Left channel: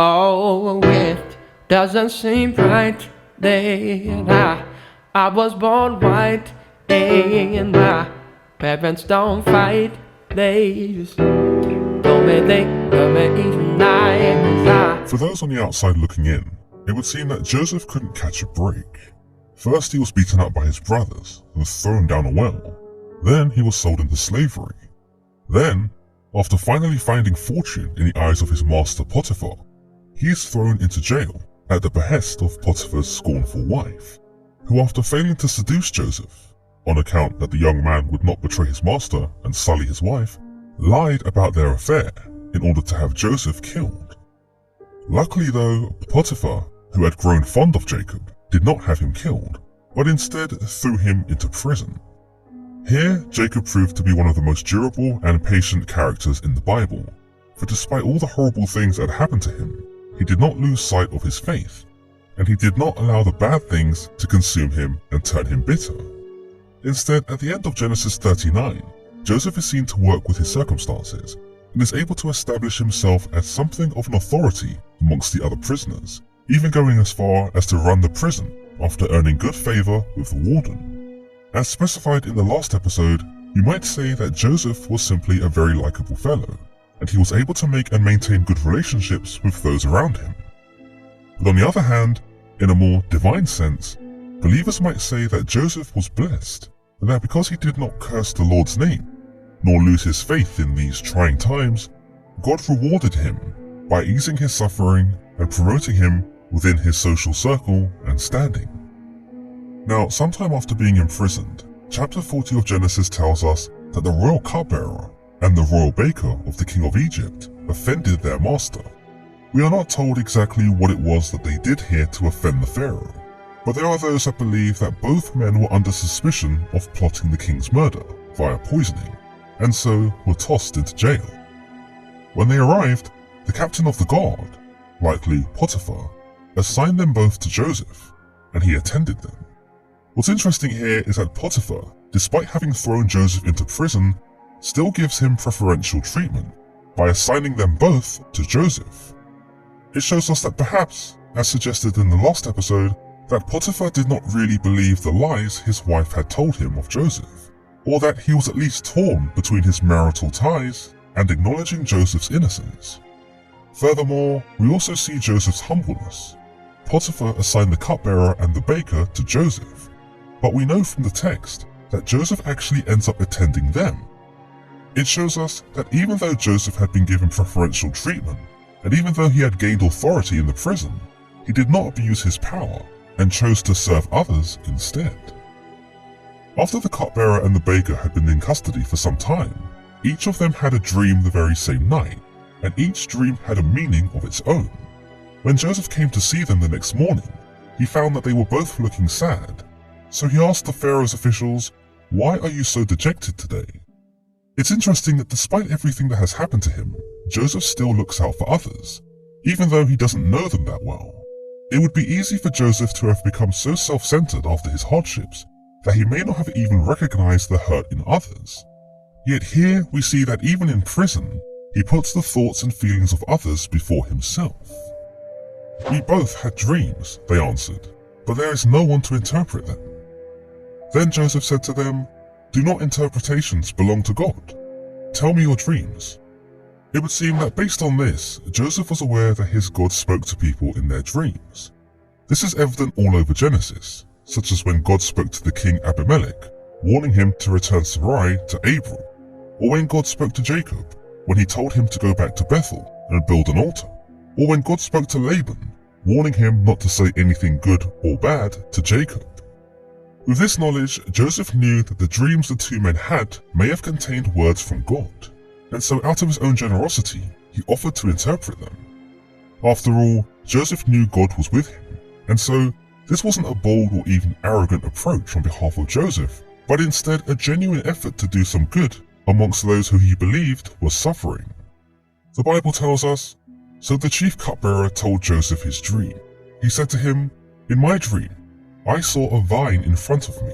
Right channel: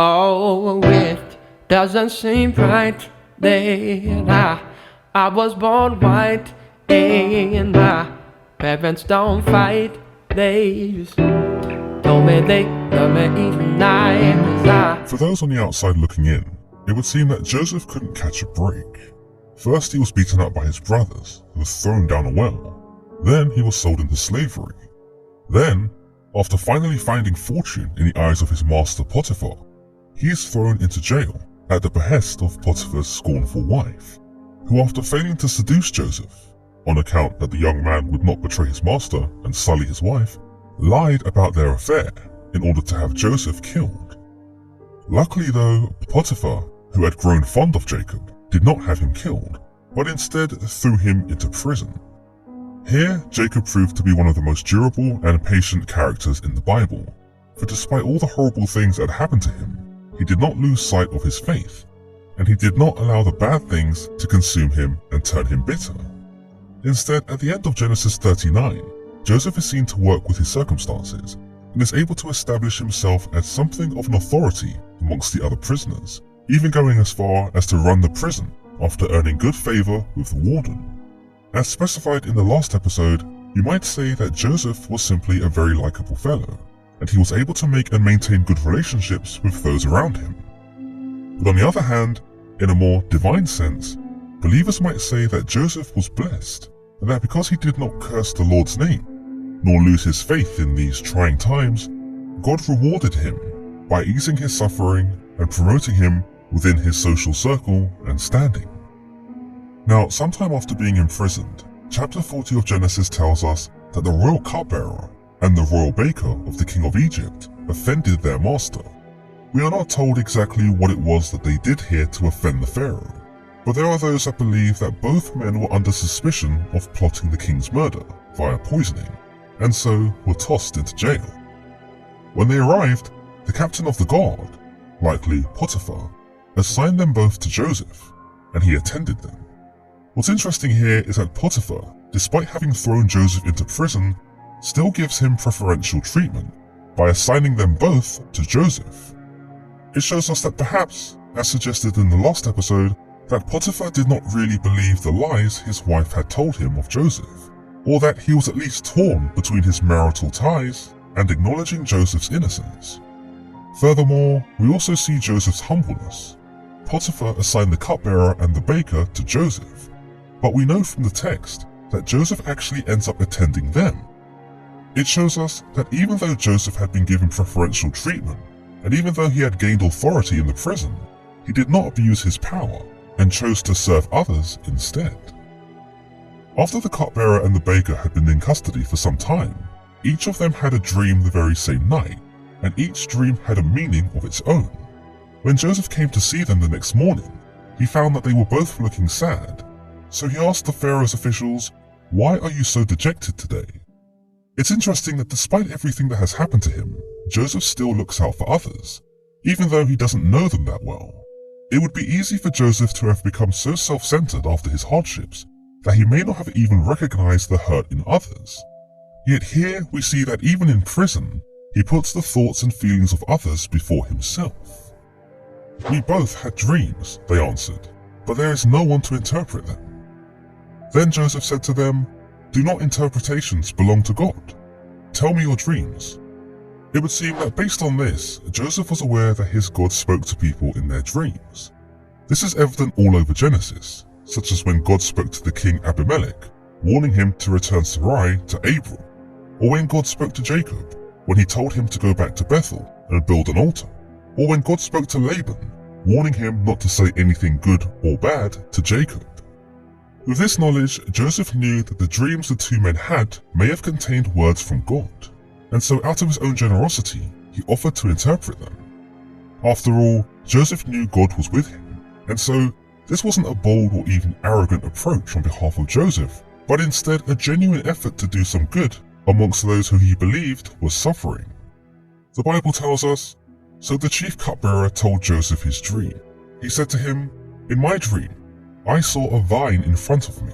Oh, it doesn't seem right that I was born white and my parents don't fight. They just told me they love me each night. For those on the outside looking in, it would seem that Joseph couldn't catch a break. First he was beaten up by his brothers, who was thrown down a well. Then he was sold into slavery. Then, after finally finding fortune in the eyes of his master Potiphar, he is thrown into jail at the behest of Potiphar's scornful wife, who, after failing to seduce Joseph, on account that the young man would not betray his master and sully his wife, lied about their affair in order to have Joseph killed. Luckily though, Potiphar, who had grown fond of Jacob, did not have him killed, but instead threw him into prison. Here, Jacob proved to be one of the most durable and patient characters in the Bible, for despite all the horrible things that had happened to him, he did not lose sight of his faith, and he did not allow the bad things to consume him and turn him bitter. Instead, at the end of Genesis 39, Joseph is seen to work with his circumstances and is able to establish himself as something of an authority amongst the other prisoners, even going as far as to run the prison after earning good favor with the warden. As specified in the last episode, you might say that Joseph was simply a very likable fellow, and he was able to make and maintain good relationships with those around him. But on the other hand, in a more divine sense, believers might say that Joseph was blessed, and that because he did not curse the Lord's name, nor lose his faith in these trying times, God rewarded him by easing his suffering and promoting him within his social circle and standing. Now, sometime after being imprisoned, chapter 40 of Genesis tells us that the royal cupbearer and the royal baker of the king of Egypt offended their master. We are not told exactly what it was that they did here to offend the pharaoh, but there are those that believe that both men were under suspicion of plotting the king's murder via poisoning, and so were tossed into jail. When they arrived, the captain of the guard, likely Potiphar, assigned them both to Joseph, and he attended them. What's interesting here is that Potiphar, despite having thrown Joseph into prison, still gives him preferential treatment by assigning them both to Joseph. It shows us that perhaps, as suggested in the last episode, that Potiphar did not really believe the lies his wife had told him of Joseph, or that he was at least torn between his marital ties and acknowledging Joseph's innocence. Furthermore, we also see Joseph's humbleness. Potiphar assigned the cupbearer and the baker to Joseph, but we know from the text that Joseph actually ends up attending them. It shows us that even though Joseph had been given preferential treatment, and even though he had gained authority in the prison, he did not abuse his power and chose to serve others instead. After the cupbearer and the baker had been in custody for some time, each of them had a dream the very same night, and each dream had a meaning of its own. When Joseph came to see them the next morning, he found that they were both looking sad. So he asked the Pharaoh's officials, "Why are you so dejected today?" It's interesting that despite everything that has happened to him, Joseph still looks out for others, even though he doesn't know them that well. It would be easy for Joseph to have become so self-centered after his hardships that he may not have even recognized the hurt in others. Yet here we see that even in prison, he puts the thoughts and feelings of others before himself. "We both had dreams," they answered, "but there is no one to interpret them." Then Joseph said to them, "Do not interpretations belong to God? Tell me your dreams." It would seem that based on this, Joseph was aware that his God spoke to people in their dreams. This is evident all over Genesis, such as when God spoke to the king Abimelech, warning him to return Sarai to Abram, or when God spoke to Jacob, when he told him to go back to Bethel and build an altar, or when God spoke to Laban, warning him not to say anything good or bad to Jacob. With this knowledge, Joseph knew that the dreams the two men had may have contained words from God, and so out of his own generosity, he offered to interpret them. After all, Joseph knew God was with him, and so this wasn't a bold or even arrogant approach on behalf of Joseph, but instead a genuine effort to do some good amongst those who he believed were suffering. The Bible tells us, "So the chief cupbearer told Joseph his dream. He said to him, 'In my dream, I saw a vine in front of me,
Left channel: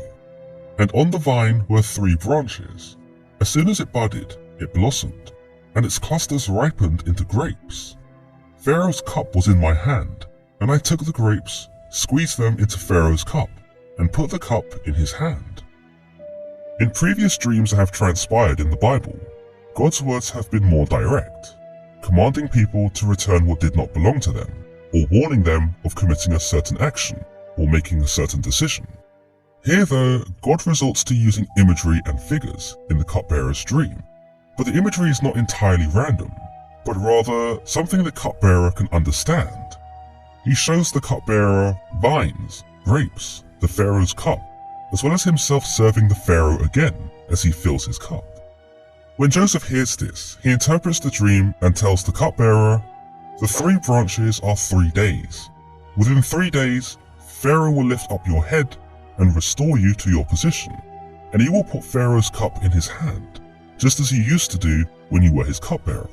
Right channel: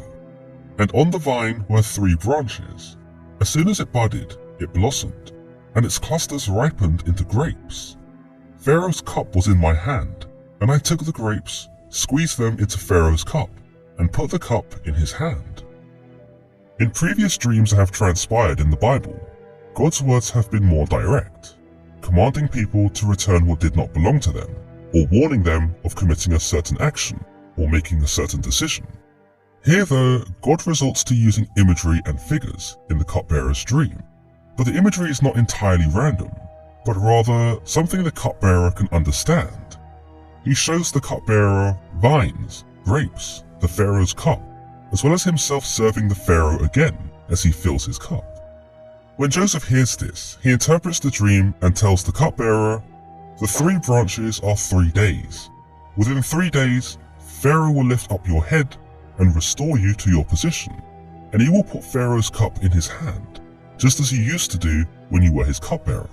and on the vine were 3 branches. As soon as it budded, it blossomed, and its clusters ripened into grapes. Pharaoh's cup was in my hand, and I took the grapes, squeezed them into Pharaoh's cup, and put the cup in his hand. In previous dreams that have transpired in the Bible, God's words have been more direct, commanding people to return what did not belong to them, or warning them of committing a certain action or making a certain decision. Here though, God resorts to using imagery and figures in the cupbearer's dream, but the imagery is not entirely random, but rather something the cupbearer can understand. He shows the cupbearer vines, grapes, the Pharaoh's cup, as well as himself serving the Pharaoh again as he fills his cup. When Joseph hears this, he interprets the dream and tells the cupbearer, "The 3 branches are 3 days. Within 3 days, Pharaoh will lift up your head and restore you to your position, and he will put Pharaoh's cup in his hand, just as he used to do when you were his cupbearer."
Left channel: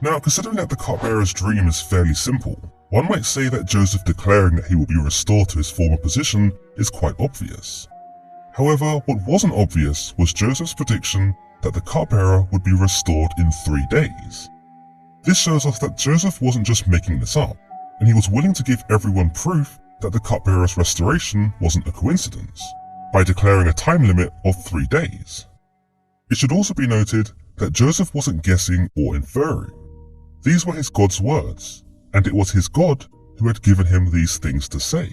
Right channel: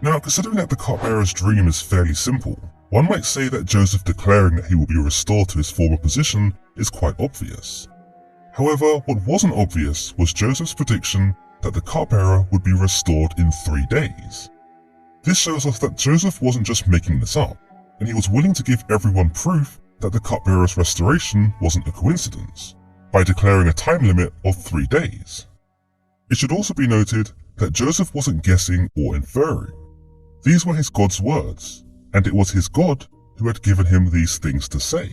Now, considering that the cupbearer's dream is fairly simple, one might say that Joseph declaring that he will be restored to his former position is quite obvious. However, what wasn't obvious was Joseph's prediction that the cupbearer would be restored in 3 days. This shows us that Joseph wasn't just making this up, and he was willing to give everyone proof that the cupbearer's restoration wasn't a coincidence, by declaring a time limit of 3 days. It should also be noted that Joseph wasn't guessing or inferring. These were his God's words, and it was his God who had given him these things to say.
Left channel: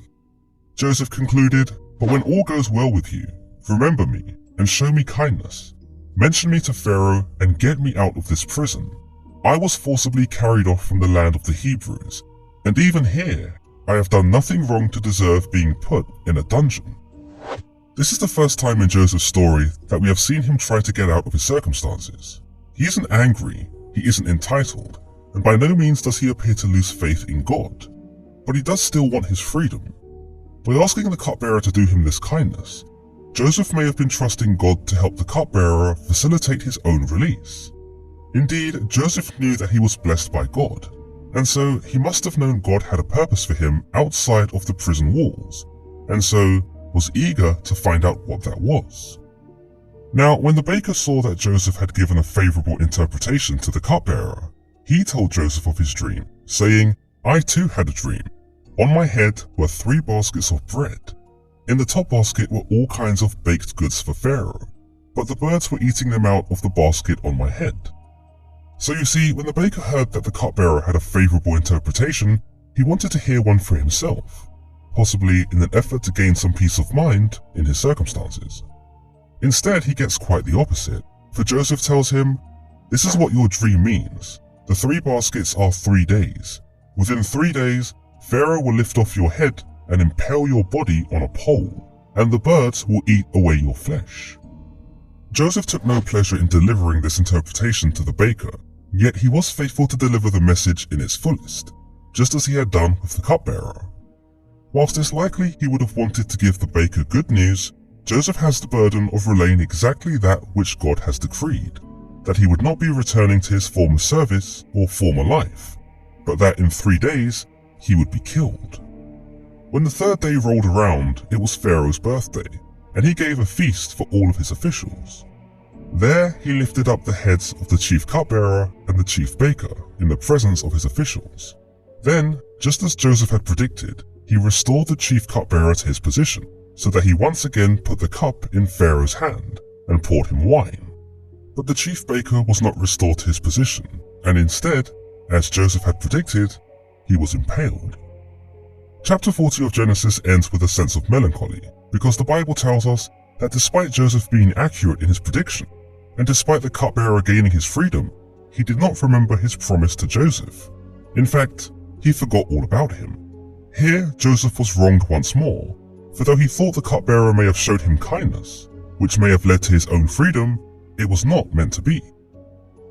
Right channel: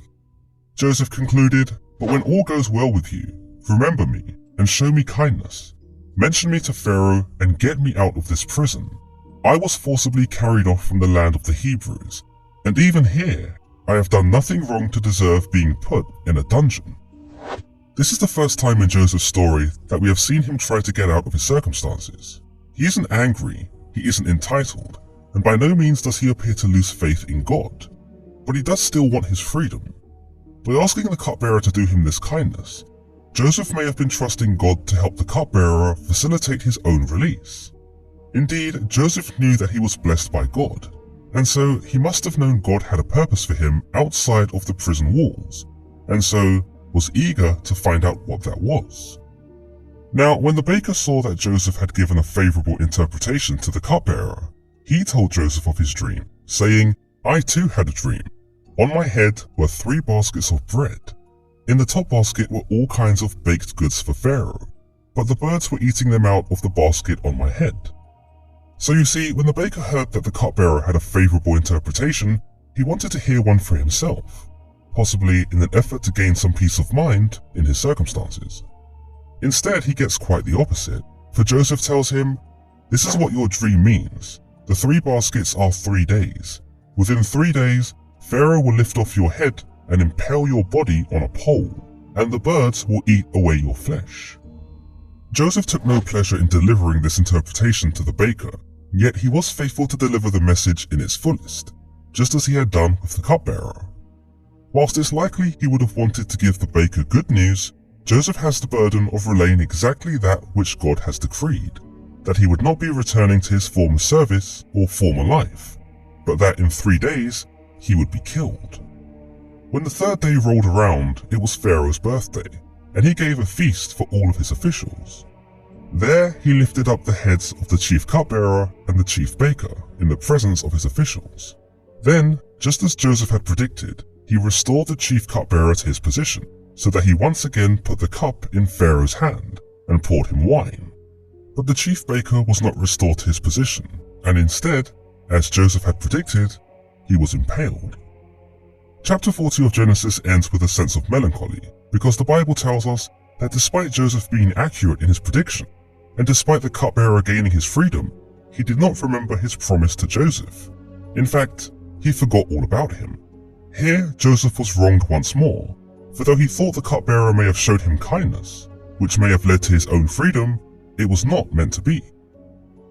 Joseph concluded, "But when all goes well with you, remember me and show me kindness. Mention me to Pharaoh and get me out of this prison. I was forcibly carried off from the land of the Hebrews, and even here I have done nothing wrong to deserve being put in a dungeon." This is the first time in Joseph's story that we have seen him try to get out of his circumstances. He isn't angry, he isn't entitled, and by no means does he appear to lose faith in God, but he does still want his freedom. By asking the cupbearer to do him this kindness, Joseph may have been trusting God to help the cupbearer facilitate his own release. Indeed, Joseph knew that he was blessed by God, and so he must have known God had a purpose for him outside of the prison walls, and so was eager to find out what that was. Now, when the baker saw that Joseph had given a favorable interpretation to the cupbearer, he told Joseph of his dream, saying, "I too had a dream. On my head were 3 baskets of bread. In the top basket were all kinds of baked goods for Pharaoh, but the birds were eating them out of the basket on my head." So you see, when the baker heard that the cupbearer had a favorable interpretation, he wanted to hear one for himself, possibly in an effort to gain some peace of mind in his circumstances. Instead, he gets quite the opposite, for Joseph tells him, "This is what your dream means. The 3 baskets are 3 days. Within 3 days, Pharaoh will lift off your head and impale your body on a pole, and the birds will eat away your flesh." Joseph took no pleasure in delivering this interpretation to the baker, yet he was faithful to deliver the message in its fullest, just as he had done with the cupbearer. Whilst it's likely he would have wanted to give the baker good news, Joseph has the burden of relaying exactly that which God has decreed, that he would not be returning to his former service or former life, but that in 3 days he would be killed. When the 3rd day rolled around, it was Pharaoh's birthday, and he gave a feast for all of his officials. There he lifted up the heads of the chief cupbearer and the chief baker in the presence of his officials. Then, just as Joseph had predicted, he restored the chief cupbearer to his position, so that he once again put the cup in Pharaoh's hand and poured him wine. But the chief baker was not restored to his position, and instead, as Joseph had predicted, he was impaled. Chapter 40 of Genesis ends with a sense of melancholy, because the Bible tells us that despite Joseph being accurate in his prediction, and despite the cupbearer gaining his freedom, he did not remember his promise to Joseph. In fact, he forgot all about him. Here, Joseph was wronged once more, for though he thought the cupbearer may have showed him kindness, which may have led to his own freedom, it was not meant to be.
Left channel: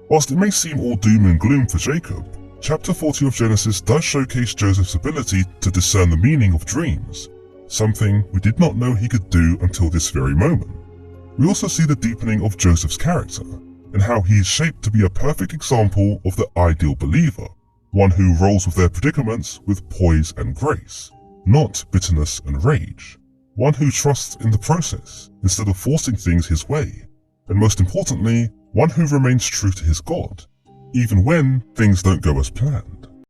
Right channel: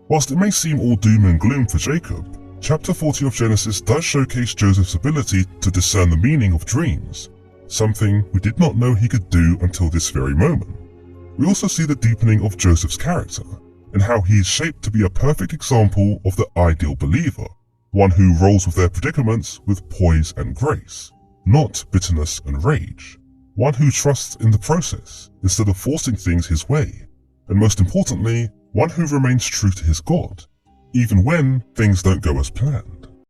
Whilst it may seem all doom and gloom for Jacob, chapter 40 of Genesis does showcase Joseph's ability to discern the meaning of dreams, something we did not know he could do until this very moment. We also see the deepening of Joseph's character, and how he is shaped to be a perfect example of the ideal believer, one who rolls with their predicaments with poise and grace, not bitterness and rage, one who trusts in the process instead of forcing things his way, and most importantly, one who remains true to his God, even when things don't go as planned.